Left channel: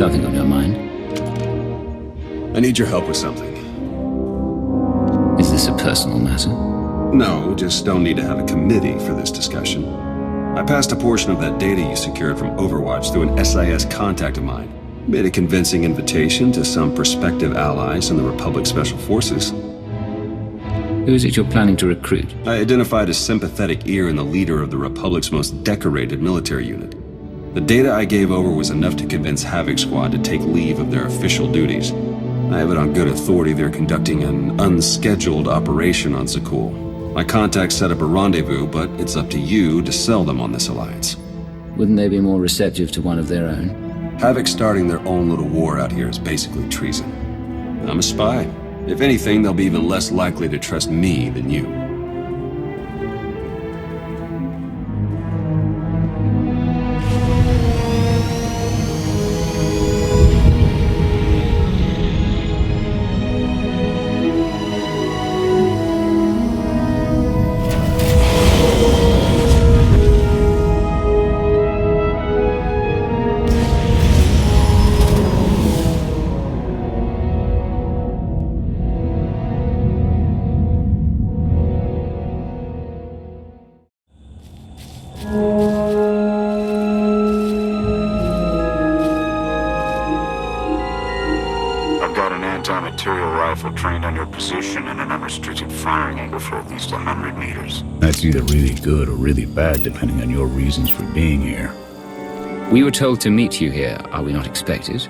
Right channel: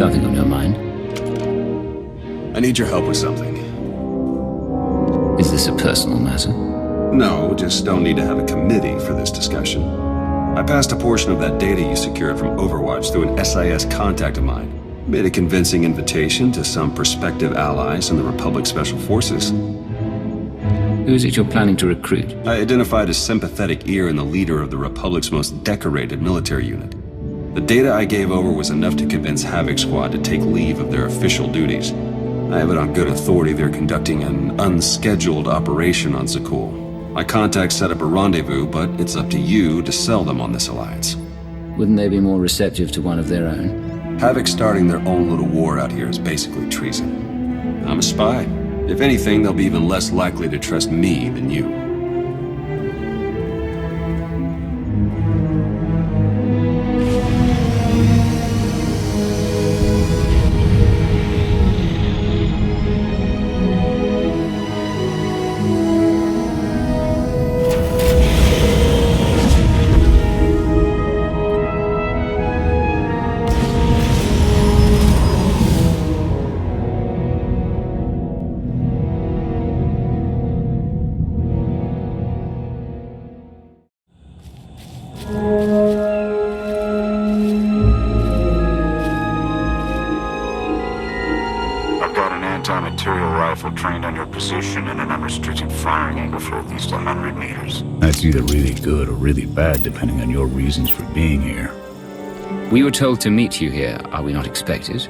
Something on your mind? I need your help with something. Is this a personal matter? No, just don't need to have a committee for this discussion. I passed a portion of that data you secured from Overwatch through an SIS contact of mine. Made a convincing invitation to some prospective allies in the Republic Special Forces. Who is it you're planning to recruit? I identified a sympathetic ear in the leader of the Republic's most decorated military unit. The data I gave over was enough to convince Havoc Squad to take leave of their official duties. I have it on good authority they're conducting an unscheduled operation on Zakuul. My contacts set up a rendezvous, but it's up to you to sell them on this alliance. Wouldn't they be more receptive to one of their own? Havoc starting their own little war out here is basically treason. I'm a spy. If anything, they'll be even less likely to trust me than you. I've got an anti-material rifle trained on your position and an unrestricted firing angle for at least 100 meters. That's either really good or really bad, depending on your reasons for being here. We were told to meet you here. Are we not expected?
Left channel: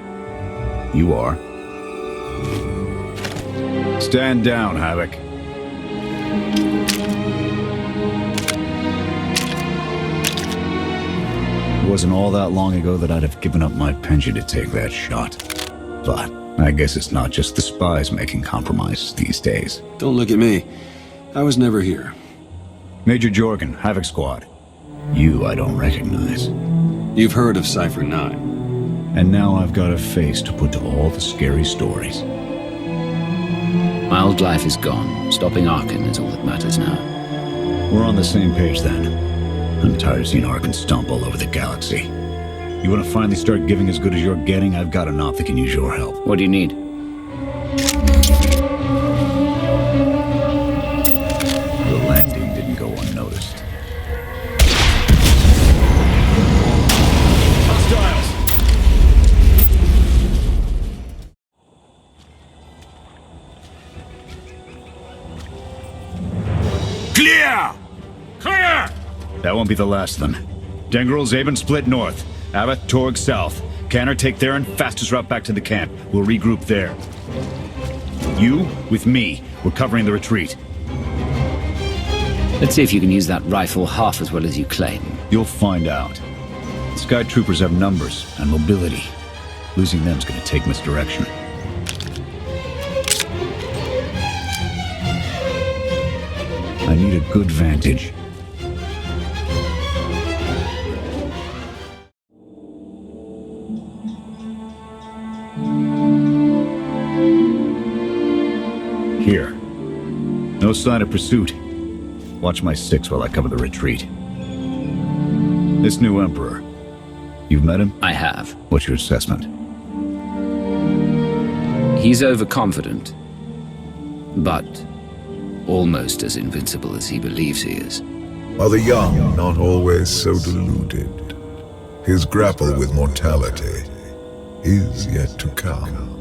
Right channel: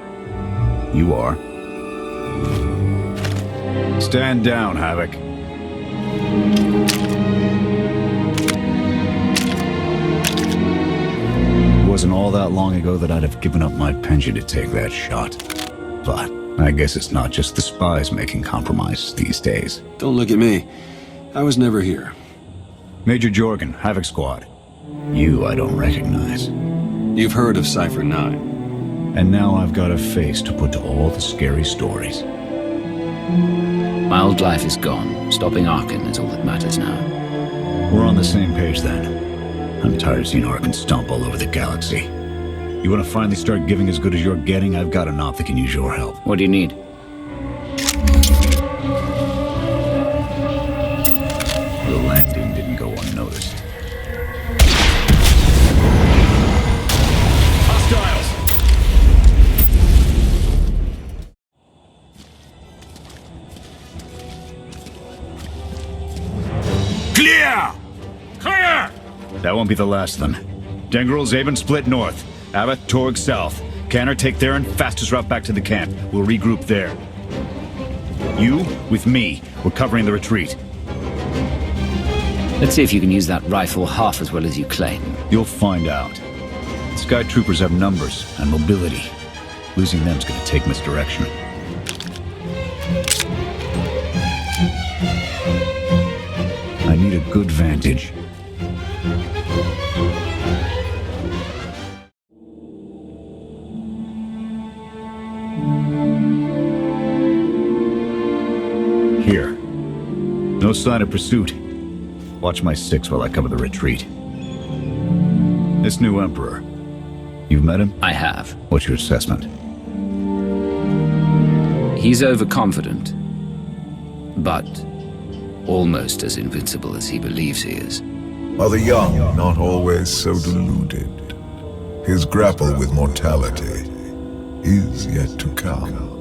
You are. Stand down, Havoc. It wasn't all that long ago that I'd have given up my pension to take that shot. But I guess it's not just the spies making compromises these days. Don't look at me. I was never here. Major Jorgen, Havoc Squad. You I don't recognize. You've heard of Cypher 9. And now I've got a face to put to all the scary stories. My old life is gone. Stopping Arcann is all that matters now. We're on the same page then. I'm tired of seeing Arcann stomp all over the galaxy. You want to finally start giving as good as you're getting? I've got an op that can use your help. What do you need? Your landing didn't go unnoticed. Hostiles! Clear! Clear! That won't be the last of them. Dengril, Zaben split north. Abath, Torg south. Canner take Theron, fastest route back to the camp. We'll regroup there. You, with me, we're covering the retreat. Let's see if you can use that rifle half as well as you claim. You'll find out. Skytroopers have numbers and mobility. Losing them's gonna take misdirection. I need a good vantage. Here. No sign of pursuit. Watch my 6 while I cover the retreat. This new Emperor. You've met him? I have. What's your assessment? He's overconfident, but almost as invincible as he believes he is. Are the young not always so deluded? His grapple with mortality is yet to come.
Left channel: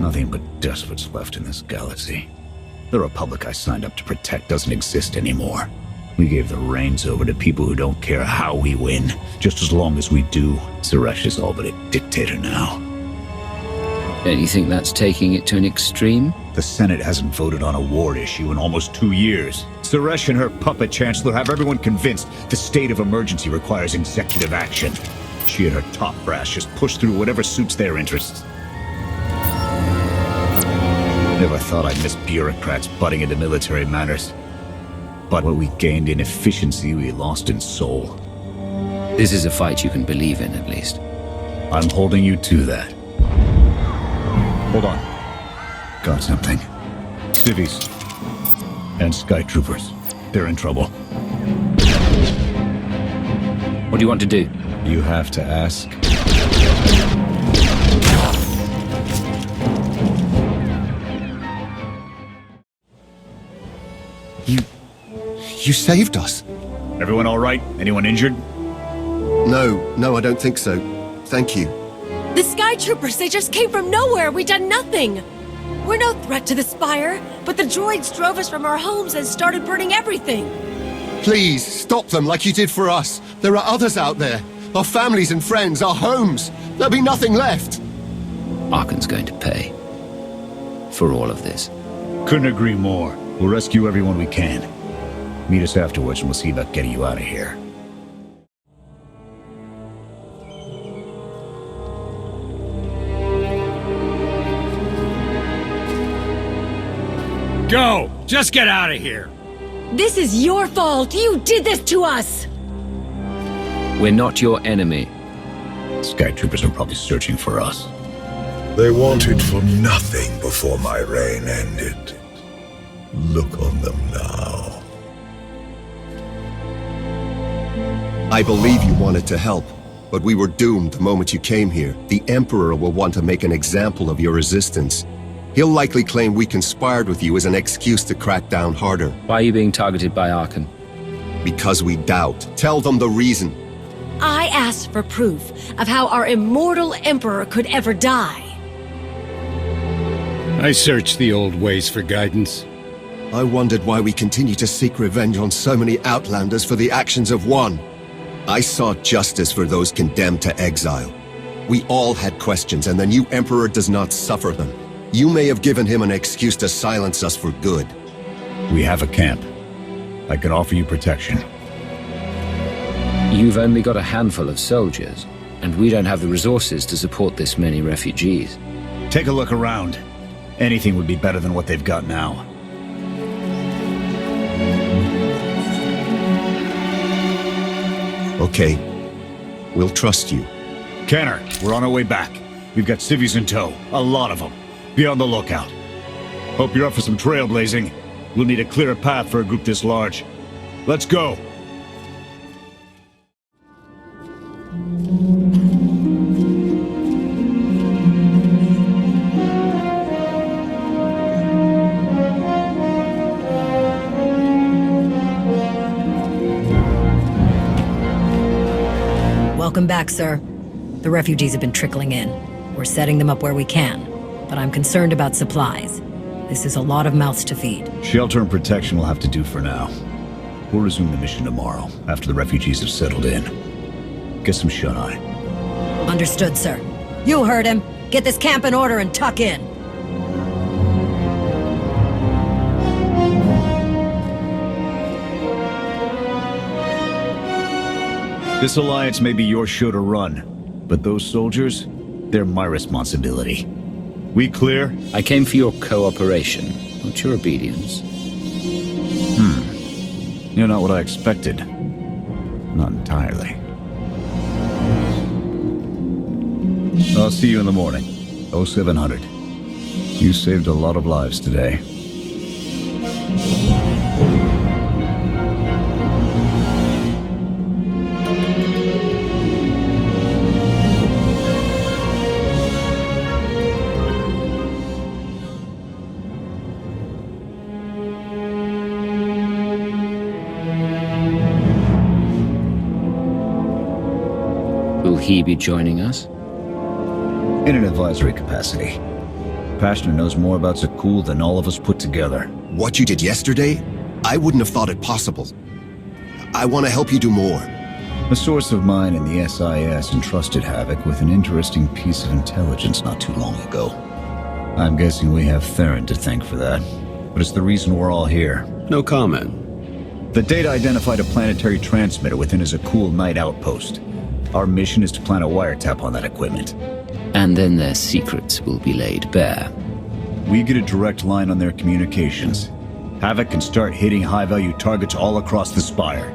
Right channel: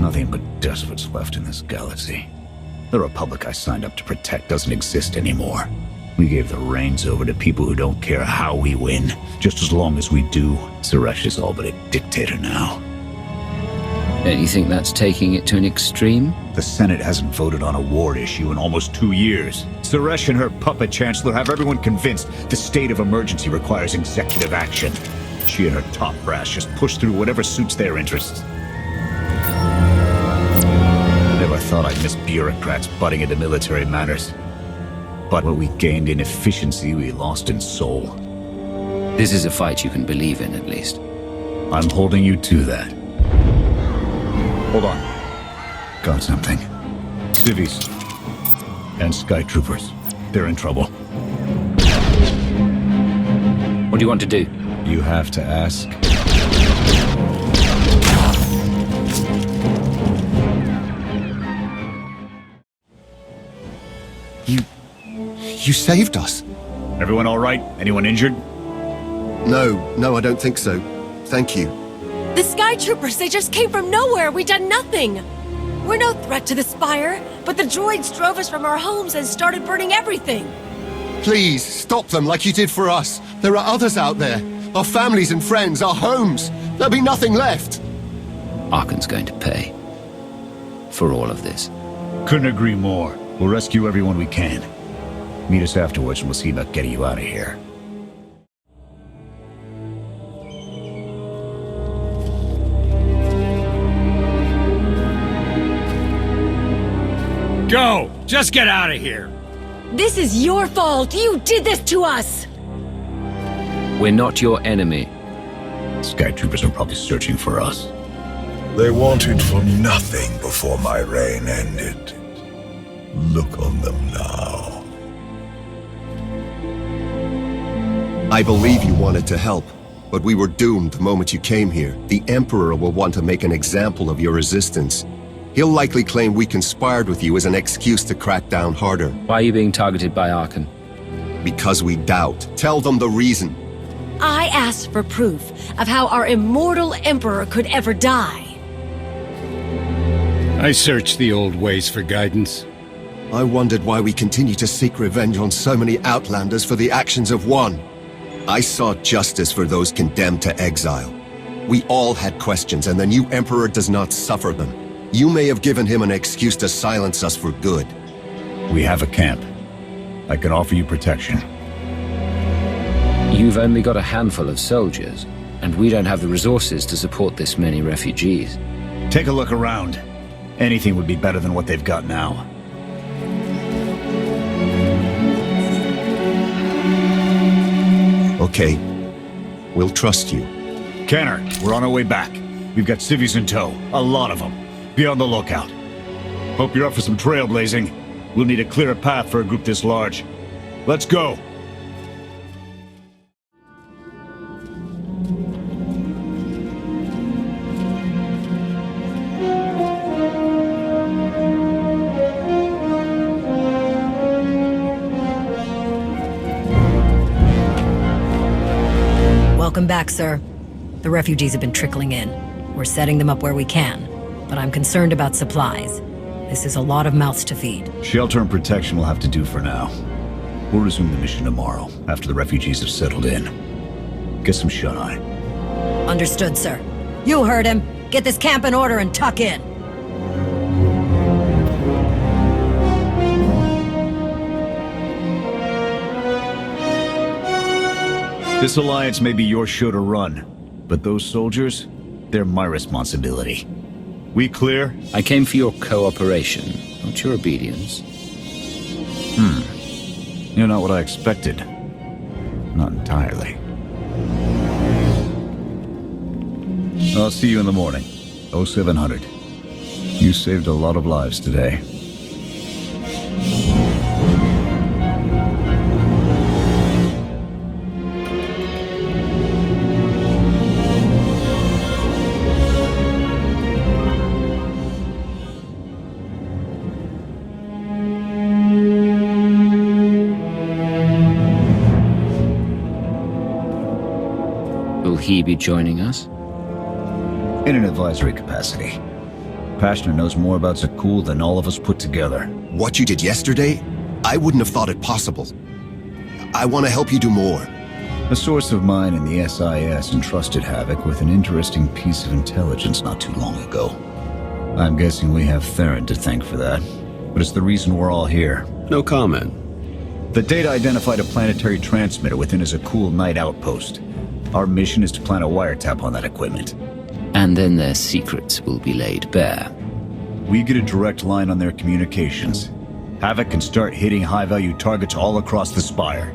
Nothing but despots left in this galaxy. The Republic I signed up to protect doesn't exist anymore. We gave the reins over to people who don't care how we win, just as long as we do. Suresh is all but a dictator now. Don't you think that's taking it to an extreme? The Senate hasn't voted on a war issue in almost 2 years. Suresh and her puppet chancellor have everyone convinced the state of emergency requires executive action. She and her top brass just push through whatever suits their interests. Never thought I'd miss bureaucrats butting into military matters. But what we gained in efficiency, we lost in soul. This is a fight you can believe in, at least. I'm holding you to that. Hold on. Got something. Civvies. And Skytroopers. They're in trouble. What do you want to do? You have to ask. You saved us. Everyone all right? Anyone injured? No, I don't think so. Thank you. The Skytroopers, they just came from nowhere. We done nothing. We're no threat to the Spire, but the droids drove us from our homes and started burning everything. Please, stop them like you did for us. There are others out there. Our families and friends, our homes. There'll be nothing left. Arcann's going to pay. For all of this. Couldn't agree more. We'll rescue everyone we can. Meet us afterwards and we'll see about getting you out of here. Go! Just get out of here! This is your fault. You did this to us. We're not your enemy. Skytroopers are probably searching for us. They wanted for nothing before my reign ended. Look on them now. I believe you wanted to help, but we were doomed the moment you came here. The Emperor will want to make an example of your resistance. He'll likely claim we conspired with you as an excuse to crack down harder. Why are you being targeted by Arcann? Because we doubt. Tell them the reason. I asked for proof of how our immortal Emperor could ever die. I searched the old ways for guidance. I wondered why we continue to seek revenge on so many Outlanders for the actions of one. I sought justice for those condemned to exile. We all had questions, and the new Emperor does not suffer them. You may have given him an excuse to silence us for good. We have a camp. I can offer you protection. You've only got a handful of soldiers, and we don't have the resources to support this many refugees. Take a look around. Anything would be better than what they've got now. Okay. We'll trust you. Kenner, we're on our way back. We've got civvies in tow. A lot of them. Be on the lookout. Hope you're up for some trailblazing. We'll need a clearer path for a group this large. Let's go! Welcome back, sir. The refugees have been trickling in. We're setting them up where we can, but I'm concerned about supplies. This is a lot of mouths to feed. Shelter and protection will have to do for now. We'll resume the mission tomorrow, after the refugees have settled in. Get some shut-eye. Understood, sir. You heard him. Get this camp in order and tuck in. This alliance may be your show to run, but those soldiers, they're my responsibility. We clear? I came for your cooperation, not your obedience. You're not what I expected. Not entirely. I'll see you in the morning. 0700. You saved a lot of lives today. Will he be joining us? In an advisory capacity. Pashner knows more about Zakuul than all of us put together. What you did yesterday, I wouldn't have thought it possible. I want to help you do more. A source of mine in the SIS entrusted Havoc with an interesting piece of intelligence not too long ago. I'm guessing we have Theron to thank for that, but it's the reason we're all here. No comment. The data identified a planetary transmitter within a Zakuul night outpost. Our mission is to plant a wiretap on that equipment. And then their secrets will be laid bare. We get a direct line on their communications. Havoc can start hitting high-value targets all across the Spire.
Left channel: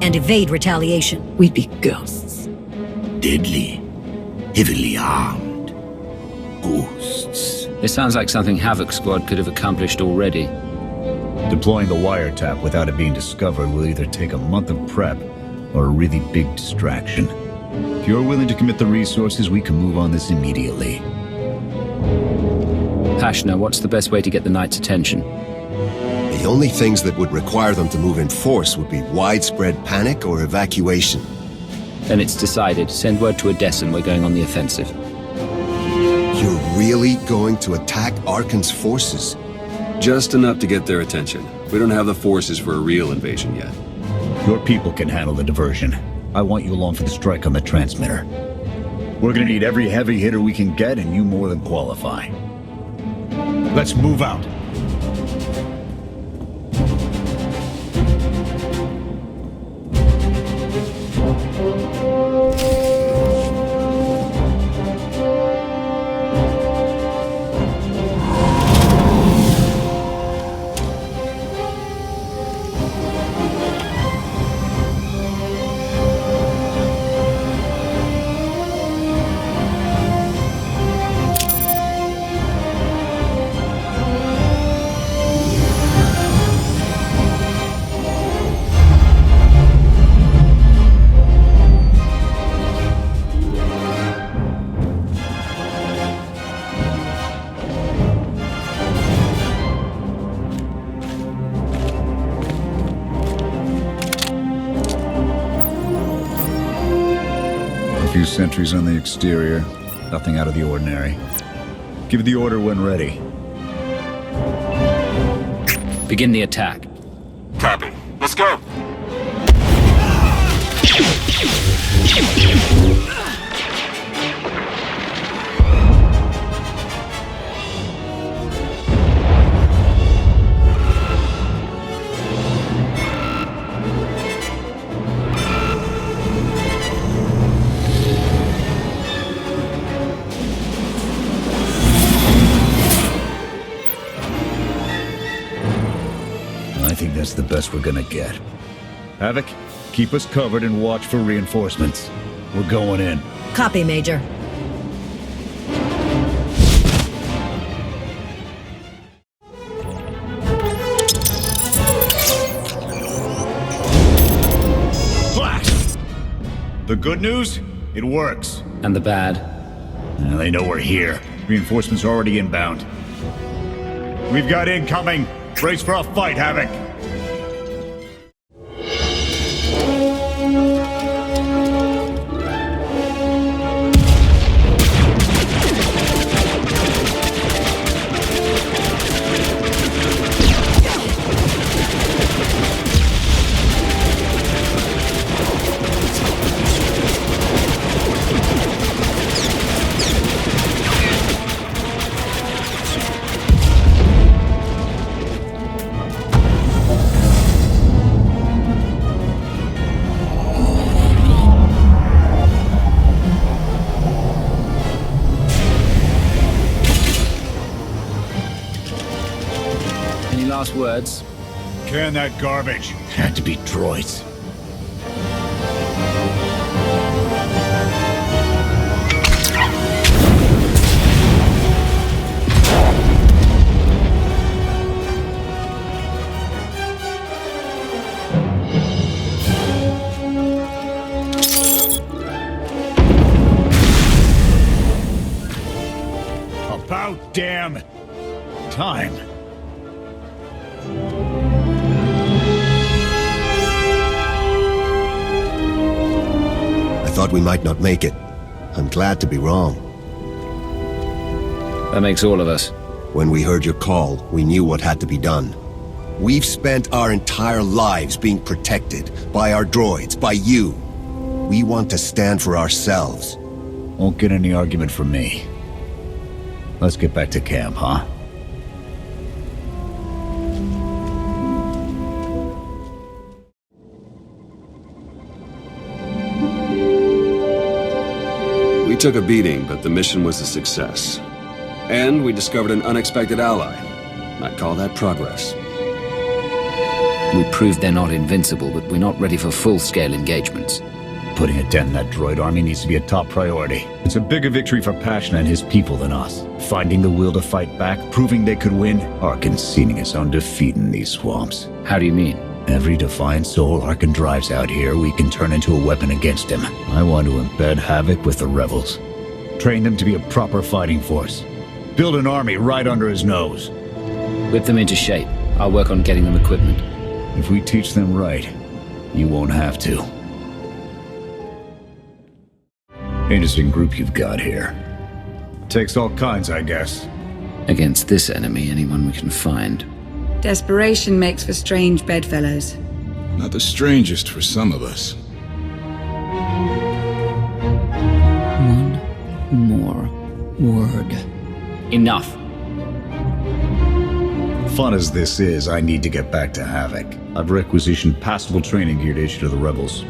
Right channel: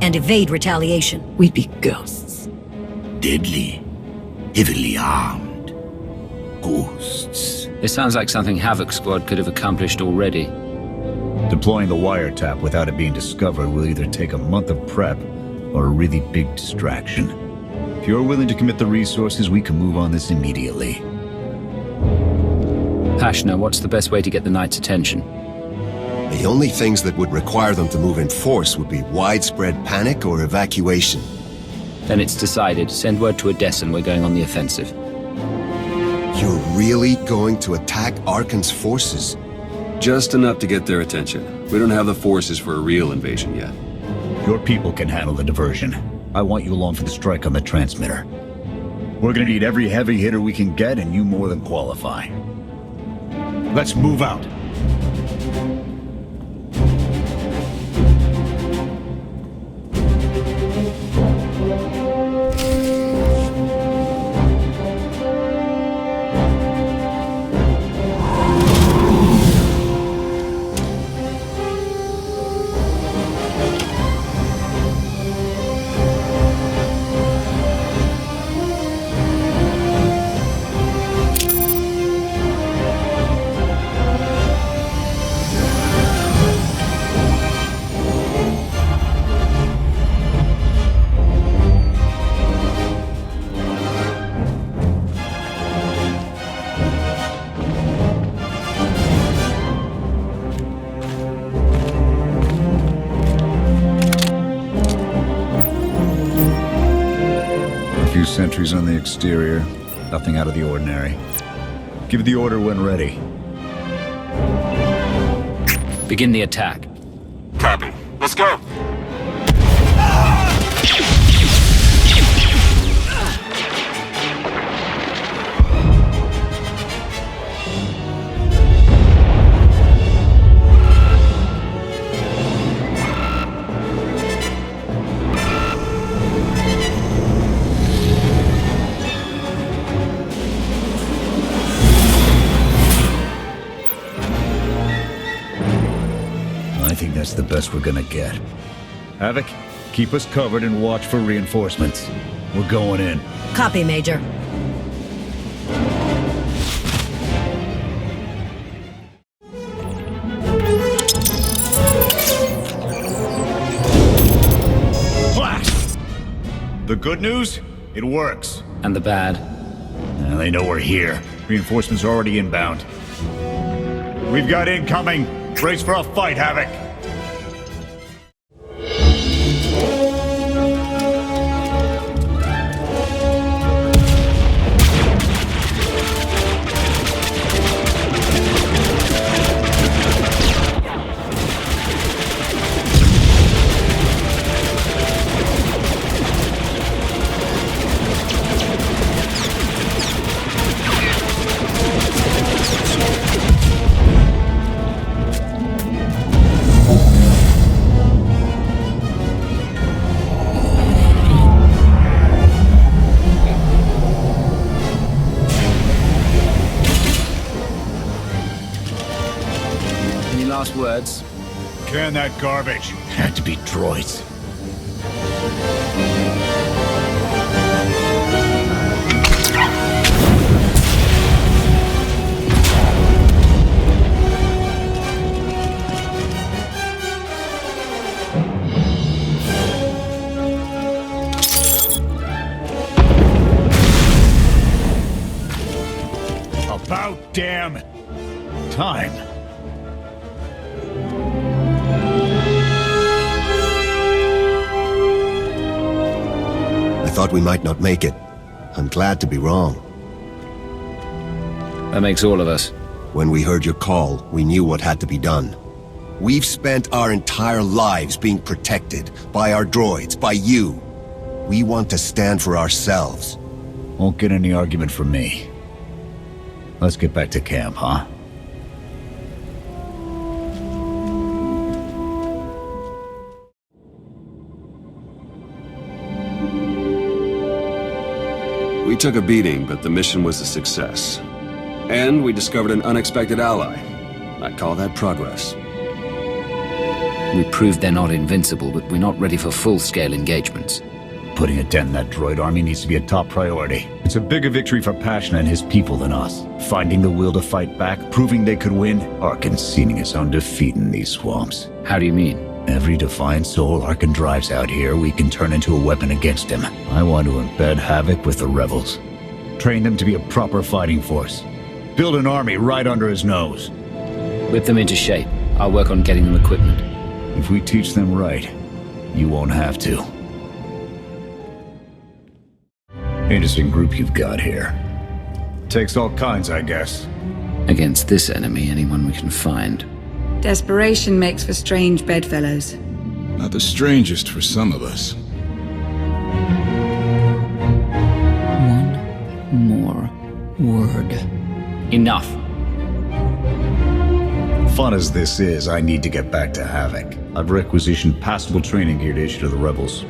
And evade retaliation. We'd be ghosts. Deadly, heavily armed. ghosts. It sounds like something Havoc Squad could have accomplished already. Deploying the wiretap without it being discovered will either take a month of prep or a really big distraction. If you're willing to commit the resources, we can move on this immediately. Hashna, what's the best way to get the Knight's attention? The only things that would require them to move in force would be widespread panic or evacuation. Then it's decided. Send word to Odessa and we're going on the offensive. You're really going to attack Arcann's forces? Just enough to get their attention. We don't have the forces for a real invasion yet. Your people can handle the diversion. I want you along for the strike on the transmitter. We're gonna need every heavy hitter we can get, and you more than qualify. Let's move out. A few sentries on the exterior. Nothing out of the ordinary. Give the order when ready. Begin the attack. Copy. Let's go! I think that's the best we're gonna get. Havoc, keep us covered and watch for reinforcements. We're going in. Copy, Major. Blast! The good news? It works. And the bad? They know we're here. Reinforcements are already inbound. We've got incoming! Brace for a fight, Havoc! Any last words? Can that garbage. Had to be droids. About damn time. I thought we might not make it. I'm glad to be wrong. That makes all of us. When we heard your call, we knew what had to be done. We've spent our entire lives being protected by our droids, by you. We want to stand for ourselves. Won't get any argument from me. Let's get back to camp, huh? We took a beating, but the mission was a success. And we discovered an unexpected ally. I'd call that progress. We proved they're not invincible, but we're not ready for full-scale engagements. Putting a dent in that droid army needs to be a top priority. It's a bigger victory for Passion and his people than us. Finding the will to fight back, proving they could win, Arcann sealing his own defeat in these swamps. How do you mean? Every defiant soul Arcann drives out here, we can turn into a weapon against him. I want to embed Havoc with the rebels. Train them to be a proper fighting force. Build an army right under his nose. Whip them into shape. I'll work on getting them equipment. If we teach them right, you won't have to. Interesting group you've got here. Takes all kinds, I guess. Against this enemy, anyone we can find. Desperation makes for strange bedfellows. Not the strangest for some of us. One more word. Enough. Fun as this is, I need to get back to Havoc. I've requisitioned passable training gear to issue to the rebels.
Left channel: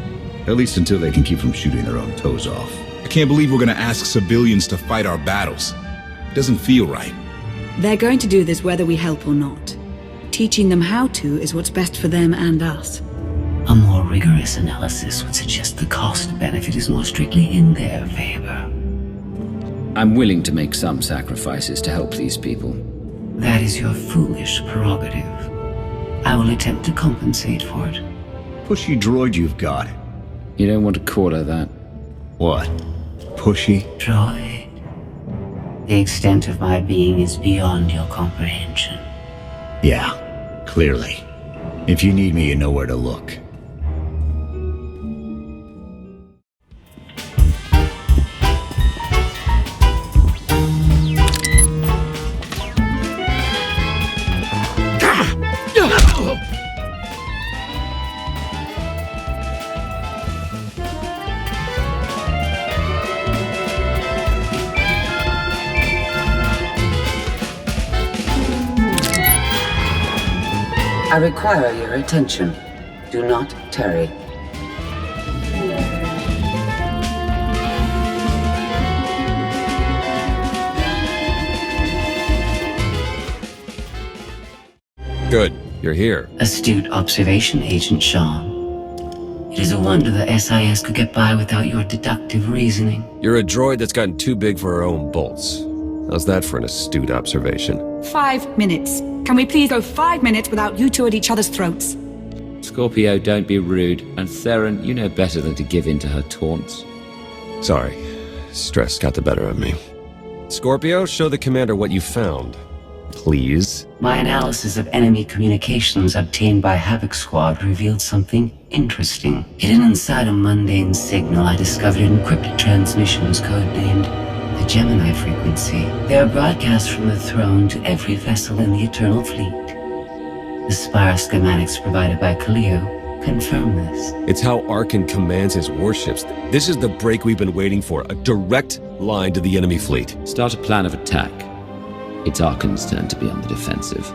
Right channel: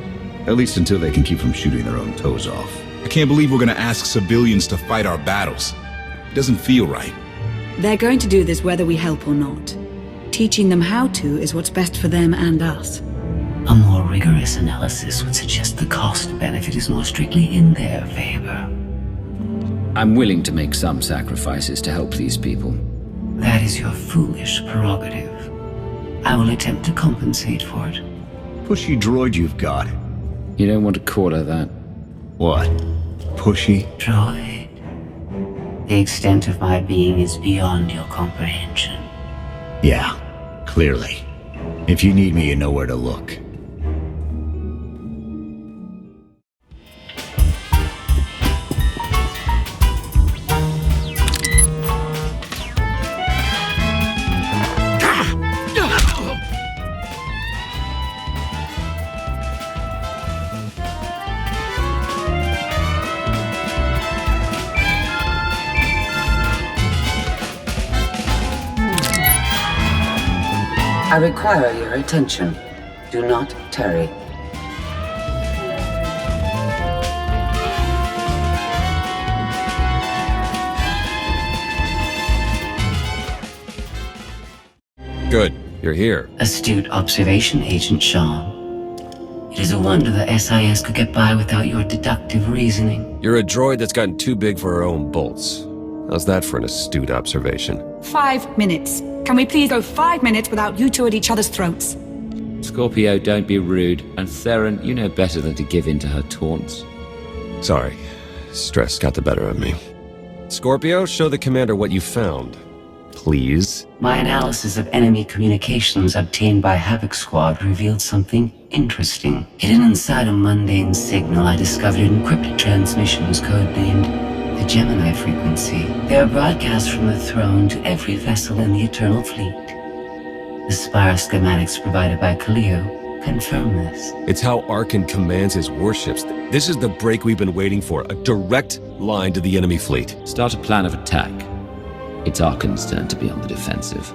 At least until they can keep from shooting their own toes off. I can't believe we're gonna ask civilians to fight our battles. It doesn't feel right. They're going to do this whether we help or not. Teaching them how to is what's best for them and us. A more rigorous analysis would suggest the cost-benefit is more strictly in their favor. I'm willing to make some sacrifices to help these people. That is your foolish prerogative. I will attempt to compensate for it. Pushy droid you've got. You don't want to call her that. What? Pushy? Droid. The extent of my being is beyond your comprehension. Yeah, clearly. If you need me, you know where to look. I require your attention. Do not tarry. Good. You're here. Astute observation, Agent Shawn. It is a wonder the SIS could get by without your deductive reasoning. You're a droid that's gotten too big for her own bolts. How's that for an astute observation? 5 minutes. Can we please go 5 minutes without you two at each other's throats? Scorpio, don't be rude. And Theron, you know better than to give in to her taunts. Sorry. Stress got the better of me. Scorpio, show the commander what you found. Please. My analysis of enemy communications obtained by Havoc Squad revealed something interesting. Hidden inside a mundane signal, I discovered an encrypted transmissions codenamed the Gemini frequency. They are broadcast from the throne to every vessel in the Eternal Fleet. The Spire schematics provided by Kaleo confirm this. It's how Arcann commands his warships. This is the break we've been waiting for. A direct line to the enemy fleet. Start a plan of attack. It's Arkann's turn to be on the defensive.